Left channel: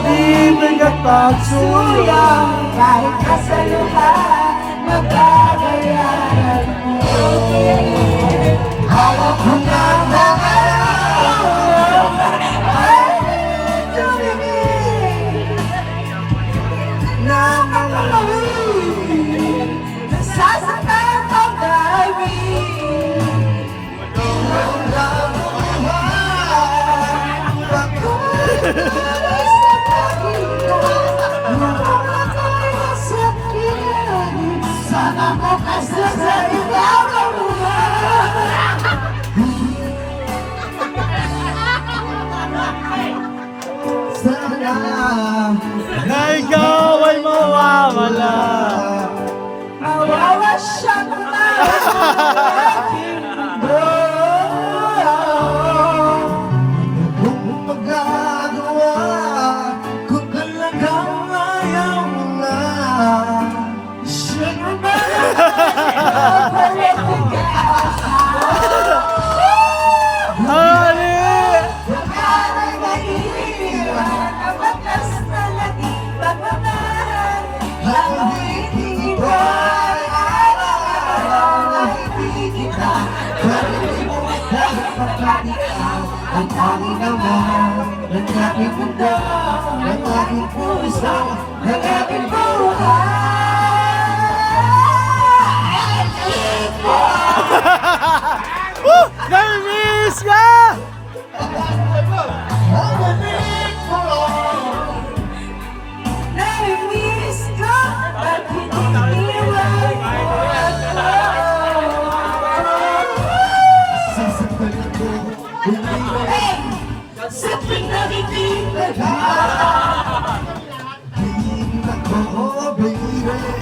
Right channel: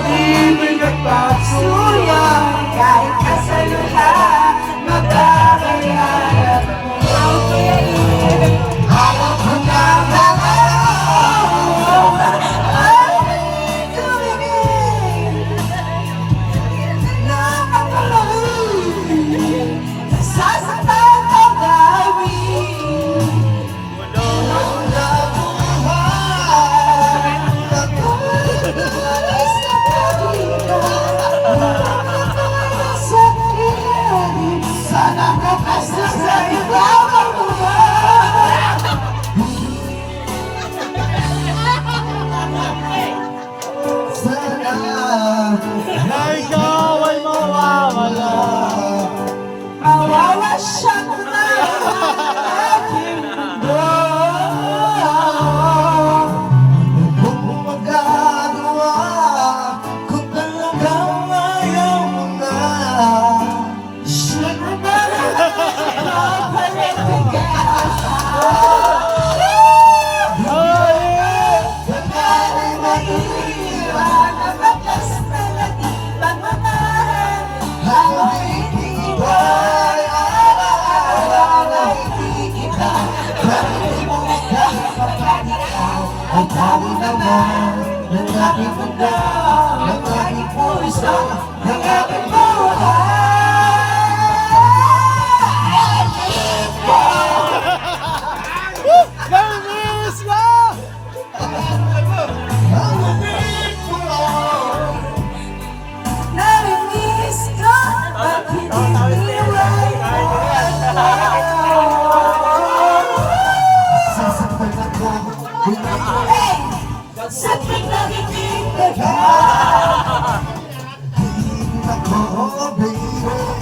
di magpapasuya kahit kasaluhan magbabayaran mo. Hawak ko na ang tumingin na makalawin nasasaktan ang daming wala buhay pagkukulit sa pag-ibig sa kinarin sana bukas na sa ibang lugar. Sana Na ikaw ay mawawala. mawawasya na aking mundo. Kung magagawa, kung talagang ayaw mo na, sino ba napapalit ka? Pangalan mag-iwan ang batas na naging pagmamahal. Ang hindi ko ay alam na hindi kita. Parinig mo kahit pagkakitaw ang tali naman ng aking mundo, ng aking puso, ng aking buhay. Namiss ka! Narinig ko at hindi iwan mo. Sasaktan ako kung hey! Sa pinagiging ka. Tingin ako, baby.